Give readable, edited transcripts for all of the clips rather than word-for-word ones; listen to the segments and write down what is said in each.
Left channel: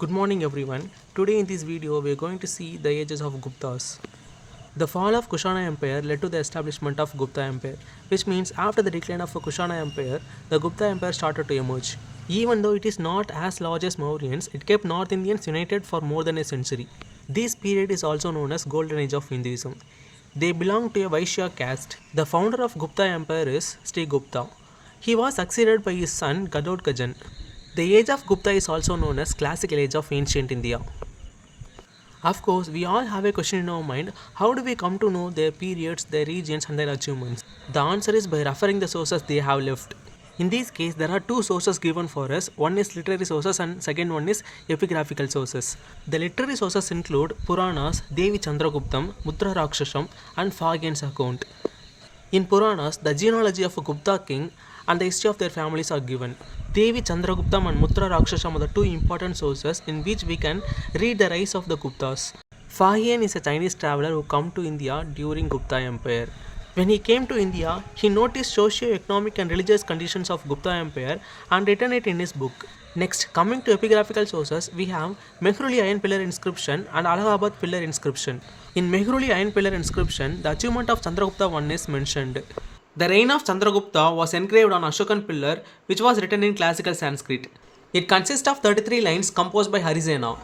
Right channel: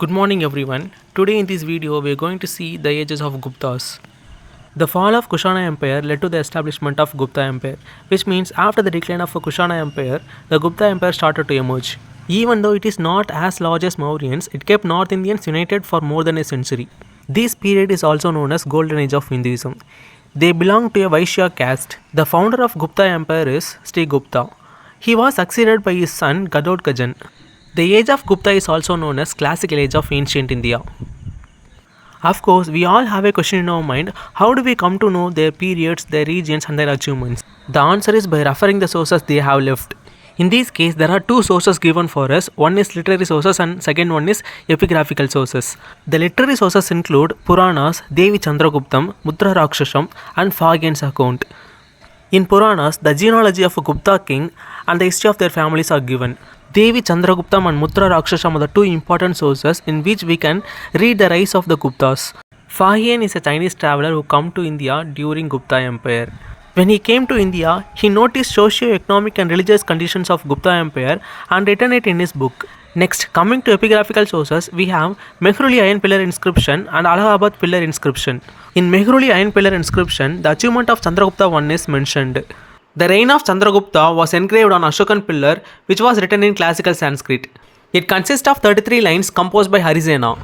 Good morning everyone. Today in this video we are going to see the ages of Guptas. The fall of Kushana Empire led to the establishment of Gupta Empire, which means after the decline of Kushana Empire, the Gupta Empire started to emerge. Even though it is not as large as Mauryans, it kept North Indians united for more than a century. This period is also known as Golden Age of Hinduism. They belong to a Vaishya caste. The founder of Gupta Empire is Sri Gupta. He was succeeded by his son Gadotkajan. The age of Gupta is also known as classical age of ancient India. Of course, we all have a question in our mind: how do we come to know their periods, their regions, and their achievements? The answer is by referring the sources they have left. In this case, there are two sources given for us. One is literary sources and second one is epigraphical sources. The literary sources include Puranas, Devi Chandraguptam, Mutra Rakshasam, and Fagyan's account. In Puranas, the genealogy of a Gupta king and the history of their families are given. Devi Chandraguptam and Mutra Rakshasam are the two important sources in which we can read the rise of the Guptas. Fagyan is a Chinese traveler who came to India during Gupta Empire. When he came to India, he noticed socio-economic and religious conditions of Gupta Empire and written it in his book. Next, coming to epigraphical sources, we have Mehruli Iron Pillar inscription and Allahabad Pillar inscription. In Mehruli Iron Pillar inscription, the achievement of Chandragupta I is mentioned. The reign of Chandragupta was engraved on Ashokan pillar, which was written in classical Sanskrit. It consists of 33 lines composed by Harisena.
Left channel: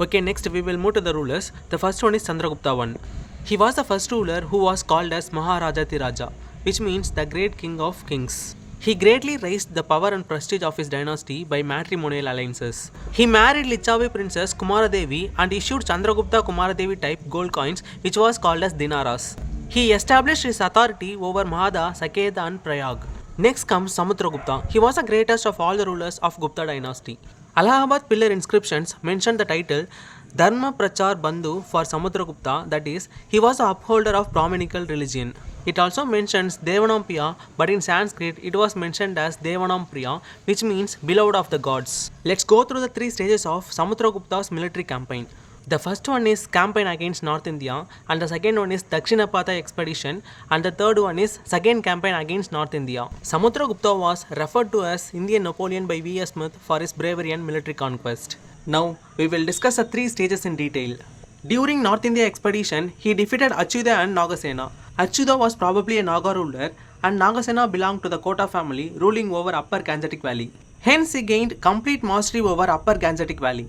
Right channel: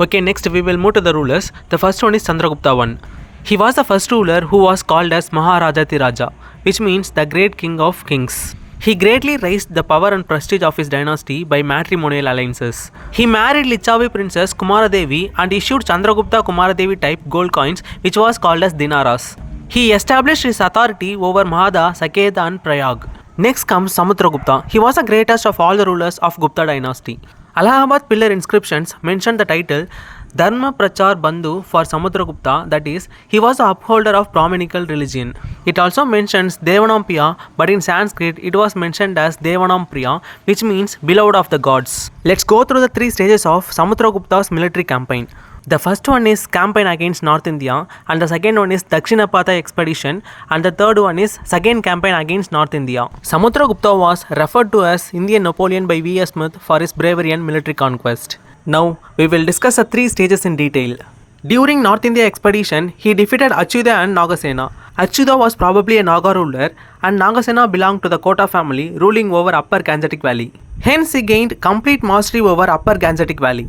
Okay, next we will move to the rulers. The first one is Chandragupta I. He was the first ruler who was called as Maharajati Raja, which means the great king of kings. He greatly raised the power and prestige of his dynasty by matrimonial alliances. He married Lichavi princess Kumaradevi and issued Chandragupta Kumaradevi type gold coins, which was called as dinaras. He established his authority over Mahada, Saketa and Prayag. Next comes Samudragupta. He was the greatest of all the rulers of Gupta dynasty. Allahabad pillar inscriptions mention the title Dharma Prachar Bandhu for Samudragupta, that is, he was the upholder of Brahminical religion. It also mentions Devanam Priya, but in Sanskrit it was mentioned as Devanam Priya, which means beloved of the gods. Let's go through the three stages of Samudragupta's military campaign. The first one is campaign against North India, and the second one is Dakshinapatha expedition, and the third one is second campaign against North India. Samudragupta was referred to as Indian Napoleon by V.S. Smith for his bravery and military conquest. Now, we will discuss the three stages in detail. During North India expedition, he defeated Achyuta and Nagasena. Achyuta was probably a Naga ruler, and Nagasena belonged to the Kota family ruling over Upper Gangetic Valley. Hence, he gained complete mastery over Upper Gangetic Valley.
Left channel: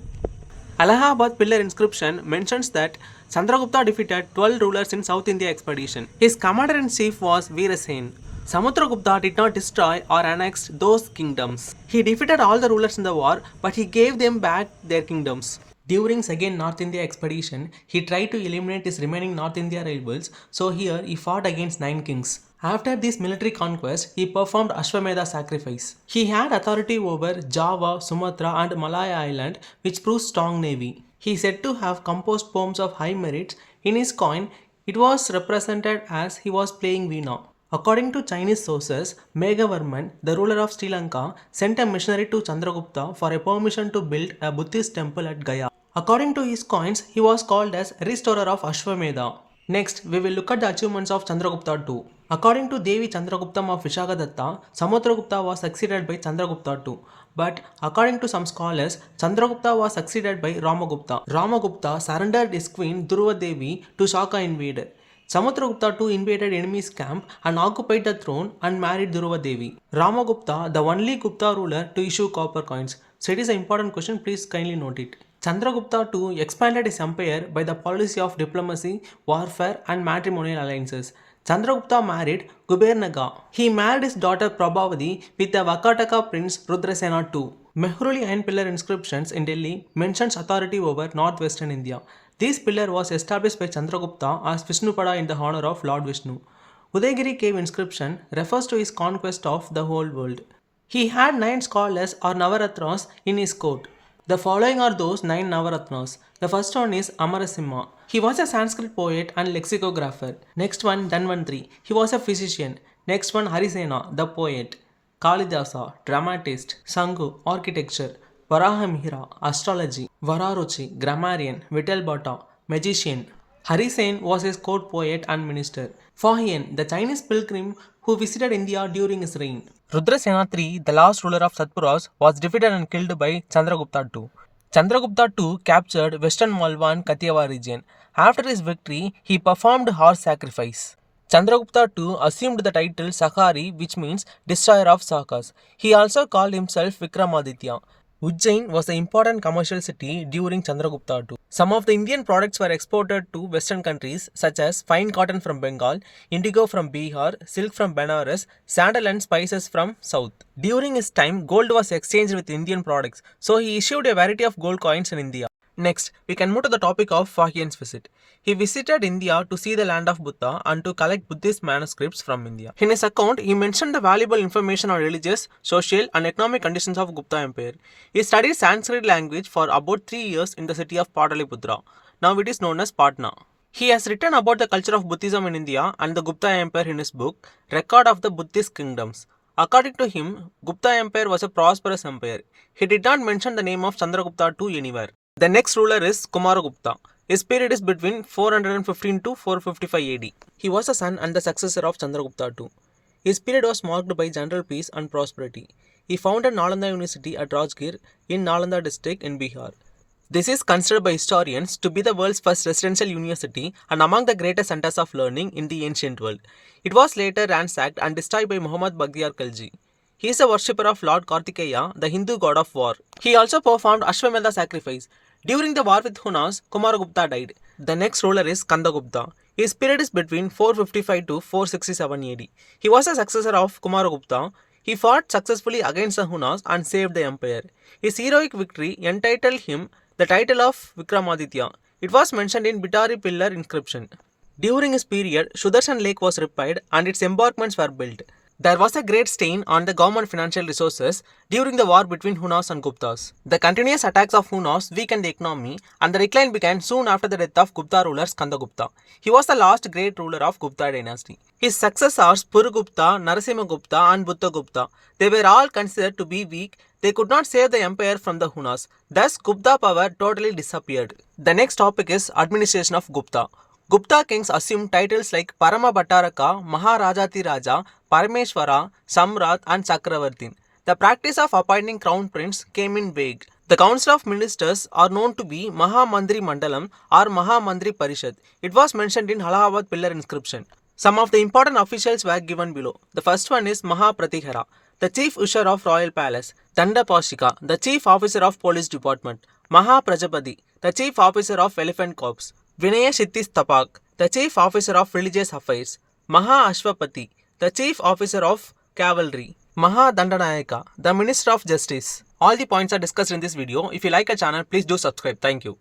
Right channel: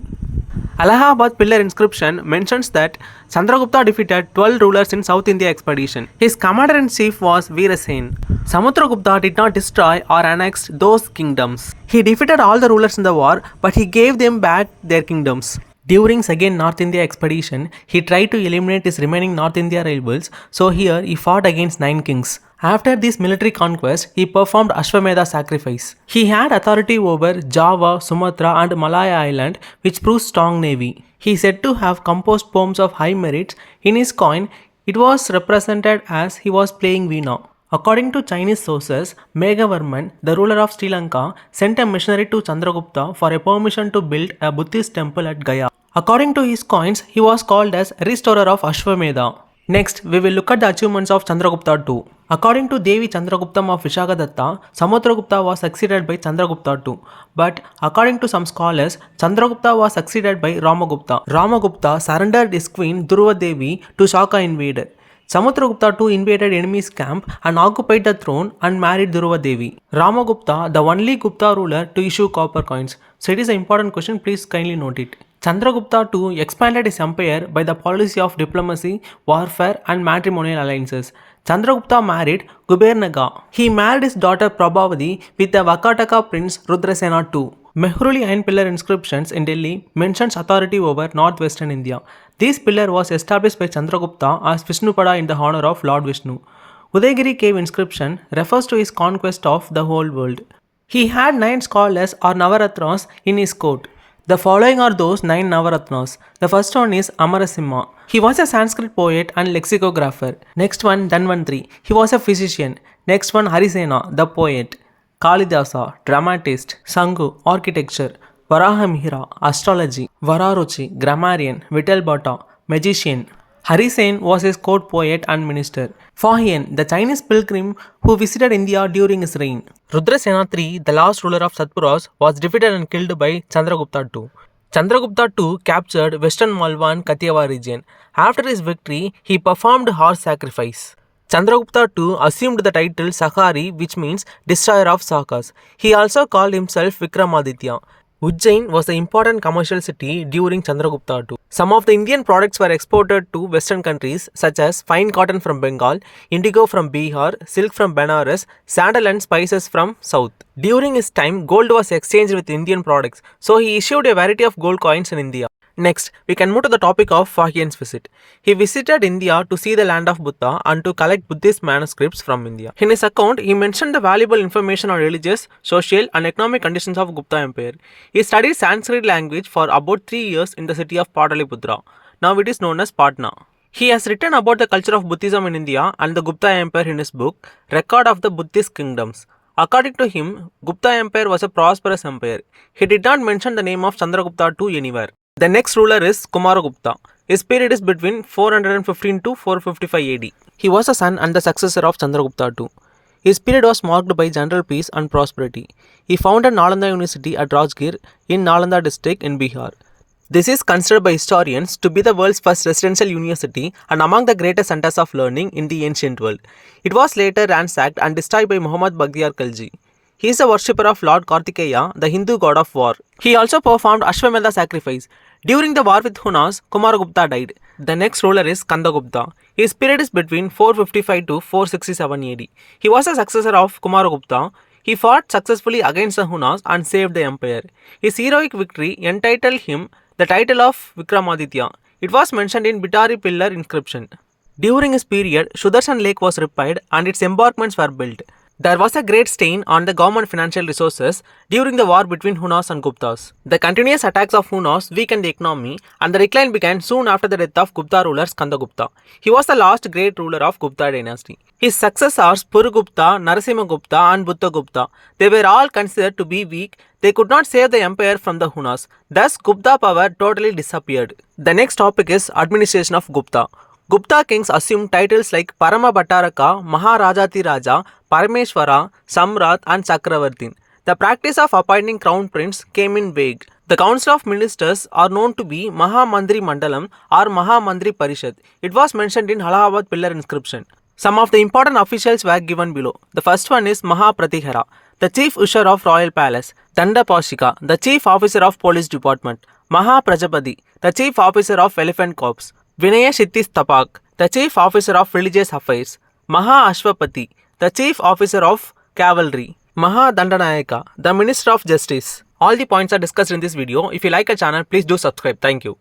Allahabad pillar inscription mentions that Chandragupta defeated 12 rulers in South India expedition. His commander-in-chief was Veerasen. Samudragupta did not destroy or annex those kingdoms. He defeated all the rulers in the war, but he gave them back their kingdoms. During second North India expedition, he tried to eliminate his remaining North India rivals, so here he fought against 9 kings. After this military conquest, he performed Ashwamedha sacrifice. He had authority over Java, Sumatra and Malaya Island, which proves strong navy. He is said to have composed poems of high merit. In his coin, it was represented as he was playing Veena. According to Chinese sources, Meghavarman, the ruler of Sri Lanka, sent a missionary to Chandragupta for a permission to build a Buddhist temple at Gaya. According to his coins, he was called as restorer of Ashwamedha. Next, we will look at the achievements of Chandragupta II. According to Devi Chandraguptam of Vishakhadatta, Samudragupta was succeeded by Chandragupta II. But according to some scholars, Chandragupta was succeeded by Ramagupta. Ramagupta surrendered his queen Dhruva Devi to Shaka invader. Samudragupta II invaded enemy's camp and occupied the throne and married Dhruva Devi. Ramagupta, the only Gupta ruler to issue copper coins. So it is an important question, please kindly note it. Chandragupta II expanded his empire by the policy of diplomacy, warfare and matrimonial alliances. Chandragupta married Gubernaga. He married his daughter Prabhavati with the Vakataka prince Rudrasena II. Mehruli Iron Pillar inscriptions in Delhi mentions authority over northwestern India. This pillar was established by Chandragupta as Vishnupada in the honor of Lord Vishnu. Udayagiri cave inscription refers to his conquest of the whole world. He had 9 scholars or Navaratnas in his court. The following are those 9 Navaratnas. The first one is Amarasimha. He was a Sanskrit poet and lexicographer. Next one, Dhanvantri. He was a physician. Next one, Harisena, the poet. Kalidasa, dramatist. Sangu, architecture. Varahamihira, astrology. Vararuchi, grammarian. Vittal Bhatta, magician. Harisen was his court poet and minister. Fahian, the Chinese pilgrim who visited India during his reign. Rudrasena III, the last ruler of Satpuras, was defeated and killed by Chandragupta II. Chandragupta too captured western Malwa and Kathiawar region. After his victory, he performed horse sacrifice. Chandragupta too assumed the title Sakari, which means destroyer of Sakas. He also called himself Vikramaditya. Ujjain was an important commercial city during Chandragupta too. Some of the Indian products were exported to western countries such as fine cotton from Bengal, indigo from Bihar, silk from Benares, sandal and spices from south. During his time, gold was exchanged with Indian products, so he issued a variety of gold coins in India. Next, we can move to the topic of Fahian's visit. He visited India to see the land of Buddha and to collect Buddhist manuscripts from India. In his account, he mentioned the valuable information on religious, social, and economic conditions of Gupta Empire. He studied Sanskrit language for about 3 years in the city of Pataliputra. Now it is known as Patna. He has written about the culture of Buddhism in India and the Gupta Empire in his book, Record of the Buddhist Kingdoms. According to him, Gupta Empire was a prosperous empire. He did not mention the name of Chandragupta II anywhere. The next ruler is Kumaragupta. His period is between 415 to 455 AD. He was a son and the successor of Chandragupta II. His period was marked by general peace and prosperity. He founded Nalanda University at Rajgir in Nalanda district in Bihar. This is considered by historians to be the world's first residential university and among the greatest centers of learning in the ancient world. It was later ransacked and destroyed by Muhammad Baghdiyar Khalji. He is a worshipper of Lord Kartikeya, the Hindu god of war. He also performed Ashwamedha sacrifice. During the war with Hunas, Kumaragupta died. The next ruler is Kandagupta. His period is between 455 to 467 AD. He was a successor of Kumaragupta. He fought successfully against the Hunas and saved the empire. His heroic victory entitled him the title of Vikramaditya. It was mentioned in Bitari pillar inscription. During his period, Sudarshan Lake was repaired and its embankments were built. There was a great strain on the government financial resources during the war between Hunas and Guptas. The continuous attacks of Hunas weakened the economy and the decline began soon after the death of Gupta ruler Skandagupta. He was the last great ruler of Gupta dynasty. His successors Purugupta, Narasimhagupta and Buddhagupta, they were all considered to be weak. They could not save the empire from the Hunas. Thus, Gupta power totally disappeared. The next topic is administration of Gupta. Gupta kings assumed titles like Parama Bhattaraka, Maharajati Raja, Parameshwara, Samrat and Chakravartin. The practice of appointing crown prince came in vague. The council of ministers are known to be Mahamandri Mandalam or Mahamandri Parishad. It was mentioned in Allahabad pillar inscription. Some of the important officials were given below. The first one is Mahapratihara, the chief usher of royal palace. Danda Pashika, the chief officer of police department. Mahaprajapati, the chief officer of elephant corps. Vinaya Shittis Tapak, the chief officer of religious affairs. Maha Ashwapati, the chief officer of cavalry. Maha Dandanayaka, the minister of justice. All the points are discussed in this video. If you like our channel, please do subscribe. Thank you.